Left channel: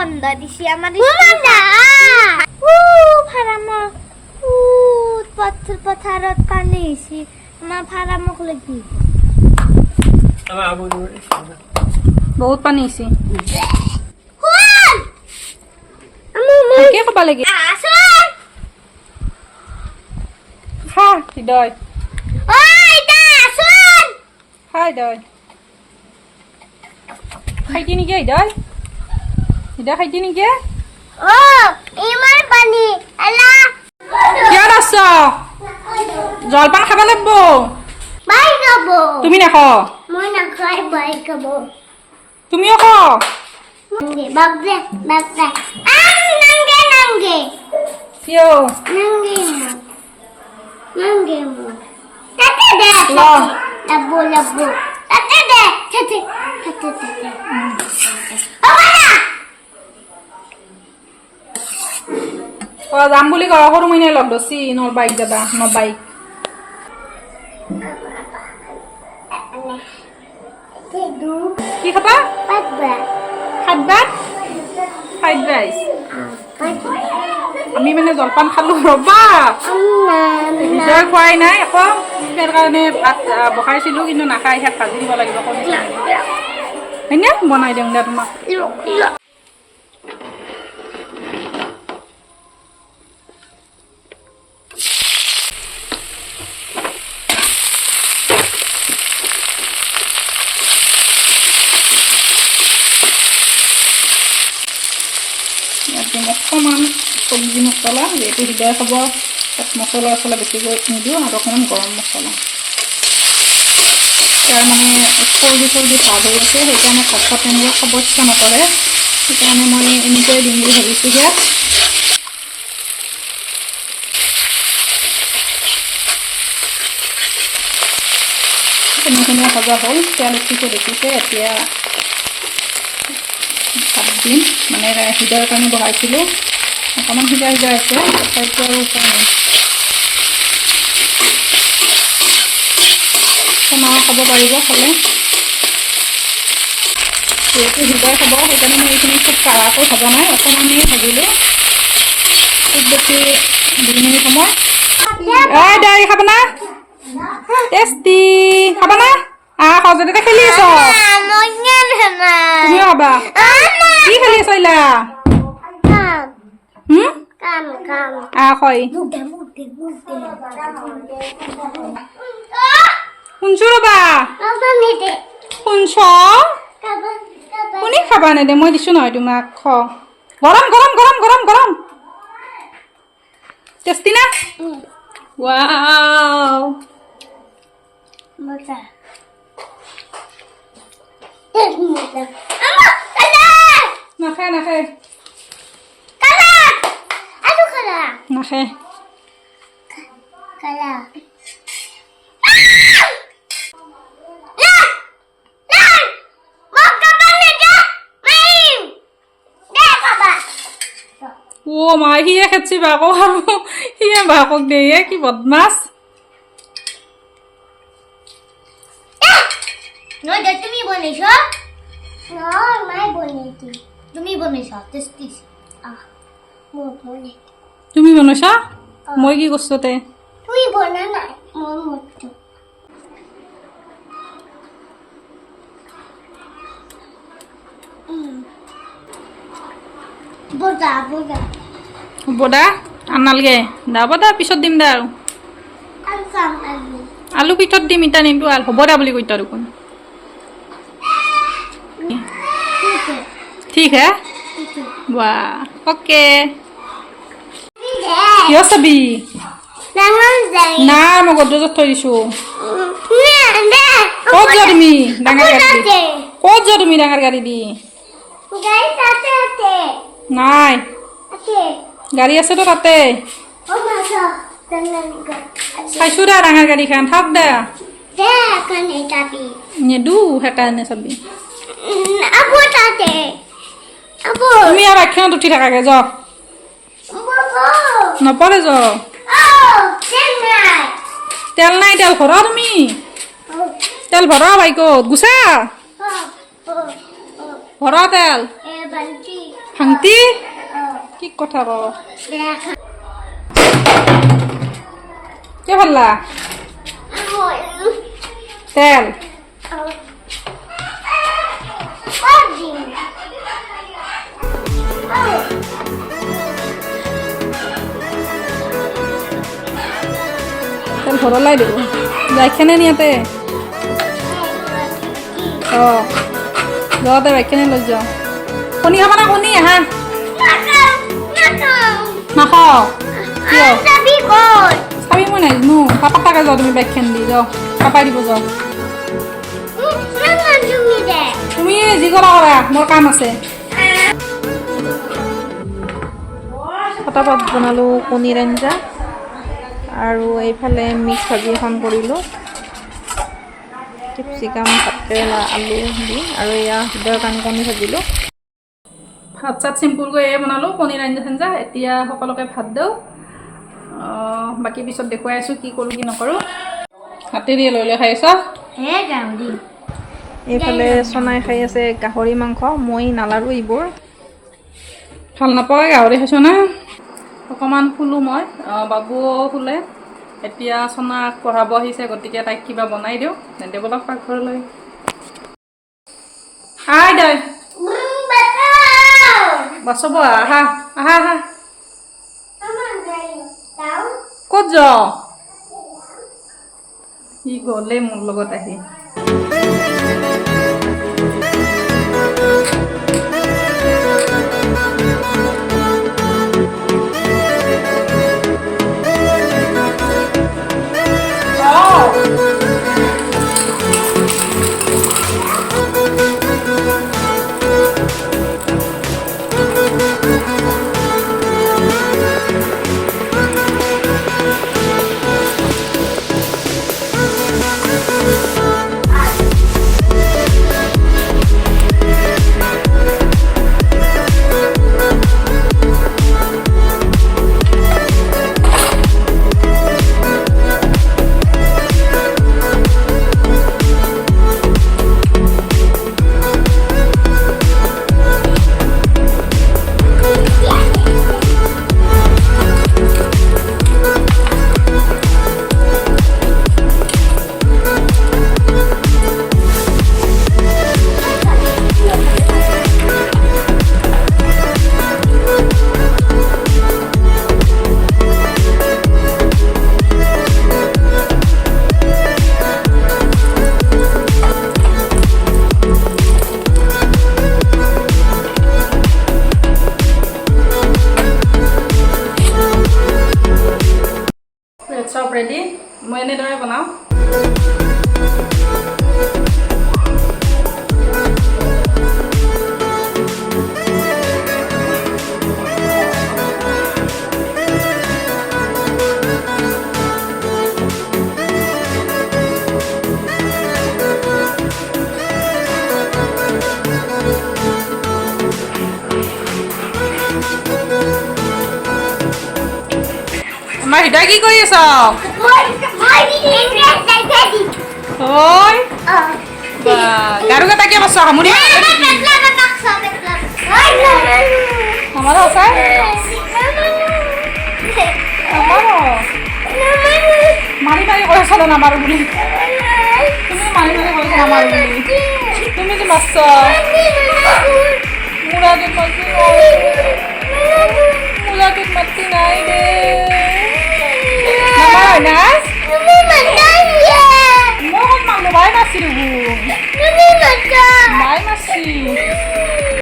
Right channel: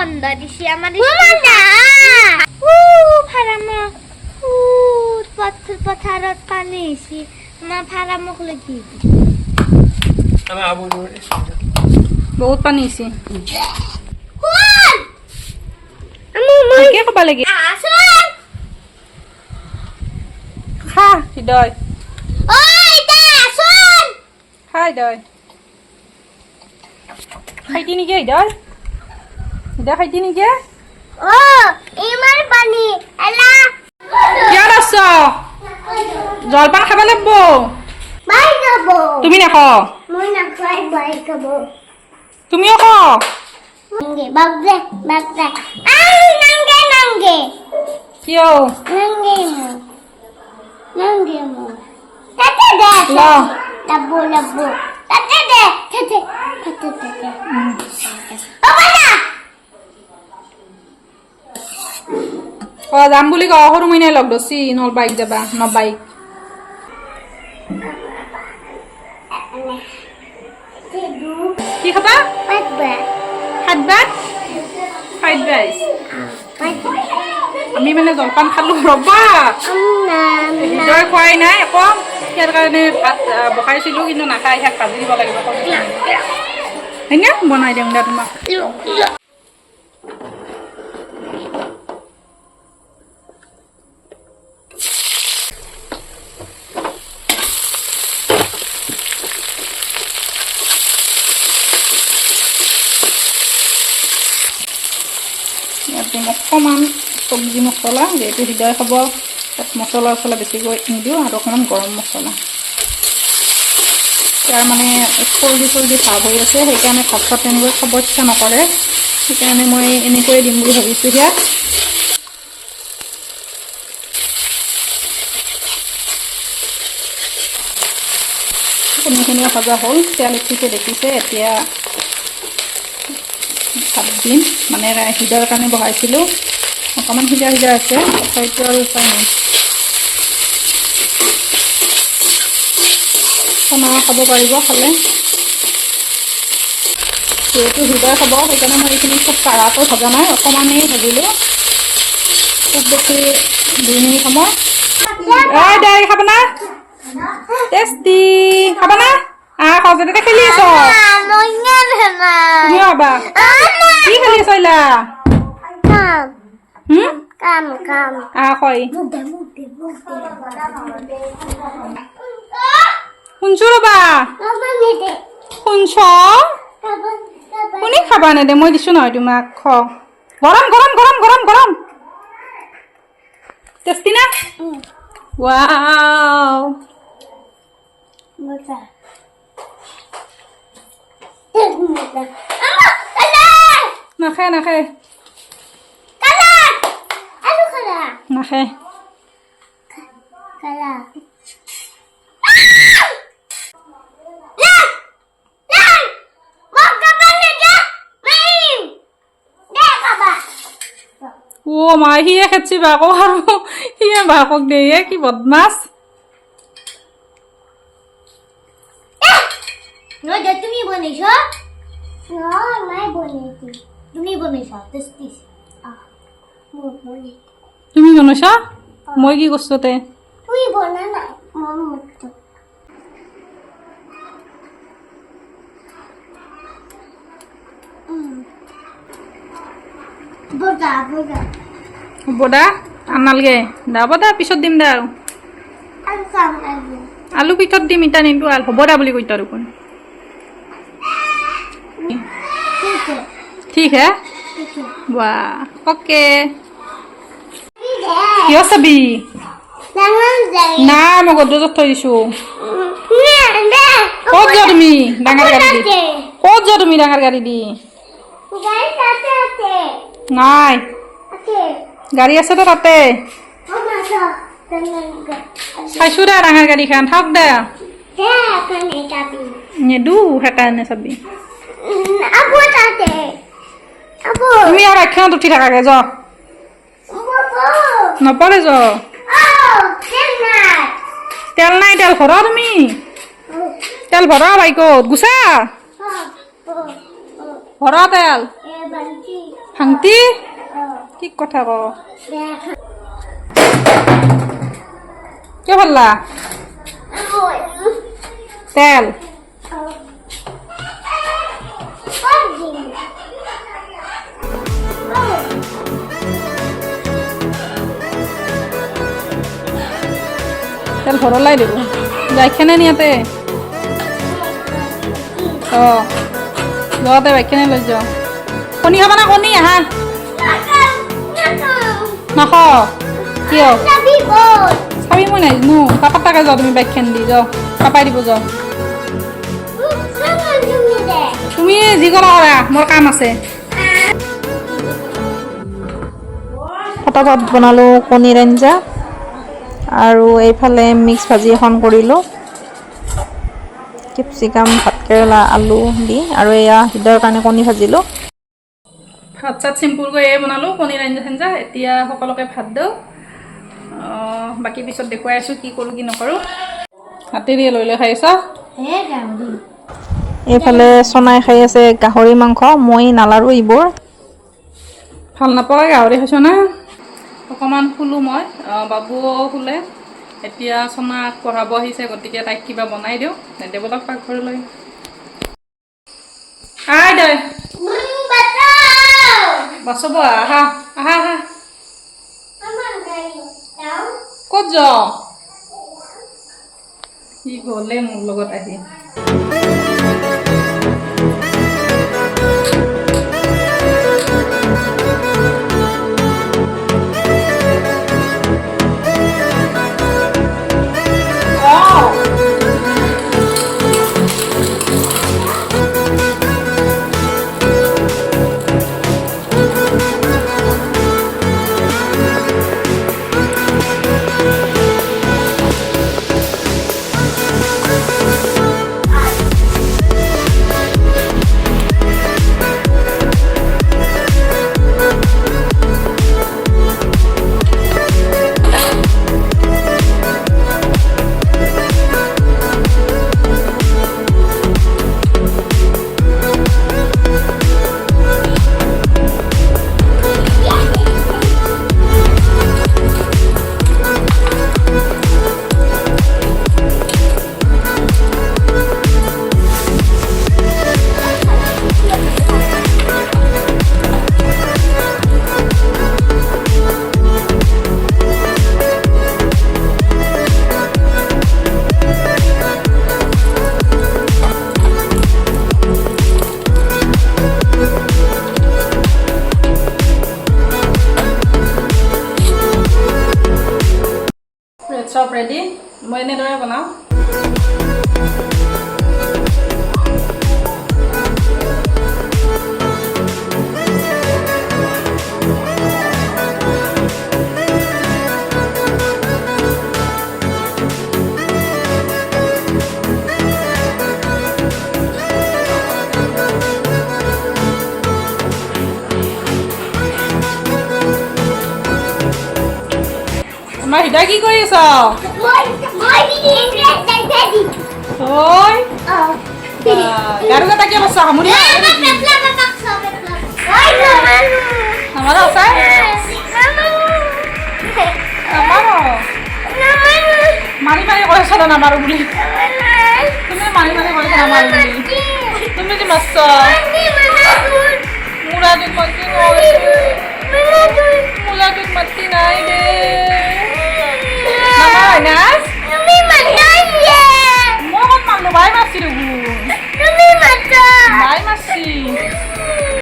বন্ধ দিছি আমার ফারামর পাথর পথারত পানি আছি আমার ফারামক লাগি বহুত পানী আছে কে কবা লাগি খা হৃদয় খাই দয় খাইতি নেকি হৃদয় হৃদয় খাইতি নেকি ইমান পানি এলা কিয় আছ জলপান খাব লাগিব বাই যাব তুমি নাখ মই নাখাই বাই খাব তুমিও খ Nangge, bagde, bagde. Nangge, nangge. কিয় Nangge mo. Nangge mo. Tate de. ল Labo, labo. Tate de. Tate. Tate, tate. Papa! যাম বুলি ক সৰু মইনাই লগ ধৰছি নল বাইক যাবা ন বাইক Tedu. কি খাবা Patba. ভাত ভাত ফ্ৰাইড ৰাইচ Patba. আমি মানে জলপান খালো ৰবা হৃদয় খোৱাই নাই আকৌ ইয়াৰ কাৰণে ভাত বহাইছিলোঁ কিন্তু নাখাই ইয়াত ভাজি দিব লাগিব হয়নে বনাই দিম দে তোমাক ইয়াত দিম অকণমান চব্জি মছলা যিহেতু হৃদয় খাব তাত মছলা বেছিকৈ নিদিওঁ আৰু অকণমান গৰম মছলা তাৰ মানে চৰ্দি ভাৱ হৈ আছে সেইকাৰণে ভাত চাত তেনেকৈ খাব ইচ্ছা নকৰে সেইকাৰণে মই এনেকৈয়ে দিম বুলি ভাবিছোঁ ইয়াত তেনেখিনি ভজা হ'ল তেল উঠিছে দেখিছে এতিয়া ভাত দিম মানে হৃদয়ৰ কাৰণে বহাইছিলোঁ অকণমান সিজা আছে তথাপিতো আৰু উপায় নাই খানা খাব পাৰিব খালে যিহেতু হৃদয় খাব সেইকাৰণে মই এইখিনি খুব কাঢ়াকৈ ভজা নাই অকণমানেই ভাজিলোঁ খুব বেছি 2 মিনিট সময় ঐ দাই খাব না টেষ্টি খাব না সজতে খেলি আছ তুমিও খাবা কি খেলি আছ ইলা হয় শুনছো ৰবা শুনছ শুনি খাবা নেদে মই দিছোঁ নহয় তোমাক খ গৰম গৰম গৰম গৰম গৰম টেষ্টি না ৱাও নাখায় নাখায় নাখায় ও মা সিয়ে খেতছি বাকক আৰু সিয়ে বাকক দিয়ে কি বদমাছ তুমি বনাইছ মাই বনাইছি তুমি বনাইছ টেষ্টি তুমি বনাইছা মই কি কৰিছো তে তুই বনা নাই মই মতো বগা বগা হ'ব দা আনালগে দাব দা পিছত দিম দা আৰু আলু পিঠত দিম ইটা নিমটো হ'ব দা বুলি কৈতা দেখোন ঠিক হে वाह ओके কিয় চাবি নাই মই গদ্ৰেজত থৈ দিছোঁ ক'ত যোৱা তুমি ডাঙৰ গাড়ী দি ক'ত যোৱা তুমি ডাঙৰ গাড়ী দি নাই গাড়ী আছে তো তাতে চাইছোঁ দে ডাঙৰ গাড়ীখন থাক দে নেদো সেইকাৰণে চাবি তুমি আৰু একখনত উঠি থাকাকে য নপৰে য তেল নাই তেল ভৰা তুমি তেল ভৰা বাইকত গুচা ভৰা তেল ভাংটি কি কথা ক কিয় ভাল্লা তেল তেল ভরলাই দেব যাইখানে নিয়াতে যাওয়াতে বাইখানে লৈ যাও কণী খাবা না কণী আহা নাখ কিয় চাবি মই নাজানো পাপাকে যাও তুমি বাইকখান দি যাও পাপাই দিব যাও তুমি যি কৰা কৰা মোৰ কাম আছে ফটাফট বনালোঁ কণীৰ আঞ্জা আৰু এইফালে মিক্স ভাজি এখন কৰিলোঁ কেপচিকাম ভাতকেৰেলা আলু দি আৰু এয়া হৃদয়ৰ কাৰণে কণী ভাজিলোঁ ভাত চাত চিম্পুলকৈ এয়ে বনালোঁ কণীৰ আঞ্জা চাঞ্জা এতিয়া সকলোকে ভাত দিওঁ বাকী পিছত দেখুৱাই আছোঁ কি কৰোঁ কি নকৰোঁ হাতে দিয়ে লৈ লৈ খাই আছ এইফালে চনাই খাই আছে গাহৰি মাংস মই নালাৰো এইবোৰ ভাল নাপাওঁ গাহৰি খাইছ না অকণমান শুলোঁ মই বাবুও শুলে এতিয়া চনাক পঢ়াব আহিছে গতিকে তাইক কিবা বনাই দিওঁ নেদেবলক পাকঘৰলৈ আই দৈ বাচব আহা আহা আহা ক'ত যাৱ সি গ'লে মোৰ লগত আহি চব ৰেডি মই এনেদৰে বনাওঁ আমাৰ হৃদয় কি কৰি আছ ঐ গাৰু কেইটা কিয় বস্ত সামৰি আমাৰ আছে মাৰি মাৰি কৈছ নামাৰো বুলি তুমি মাৰি মাৰি কৈছা নামাৰো বুলি তুমি যে মাছ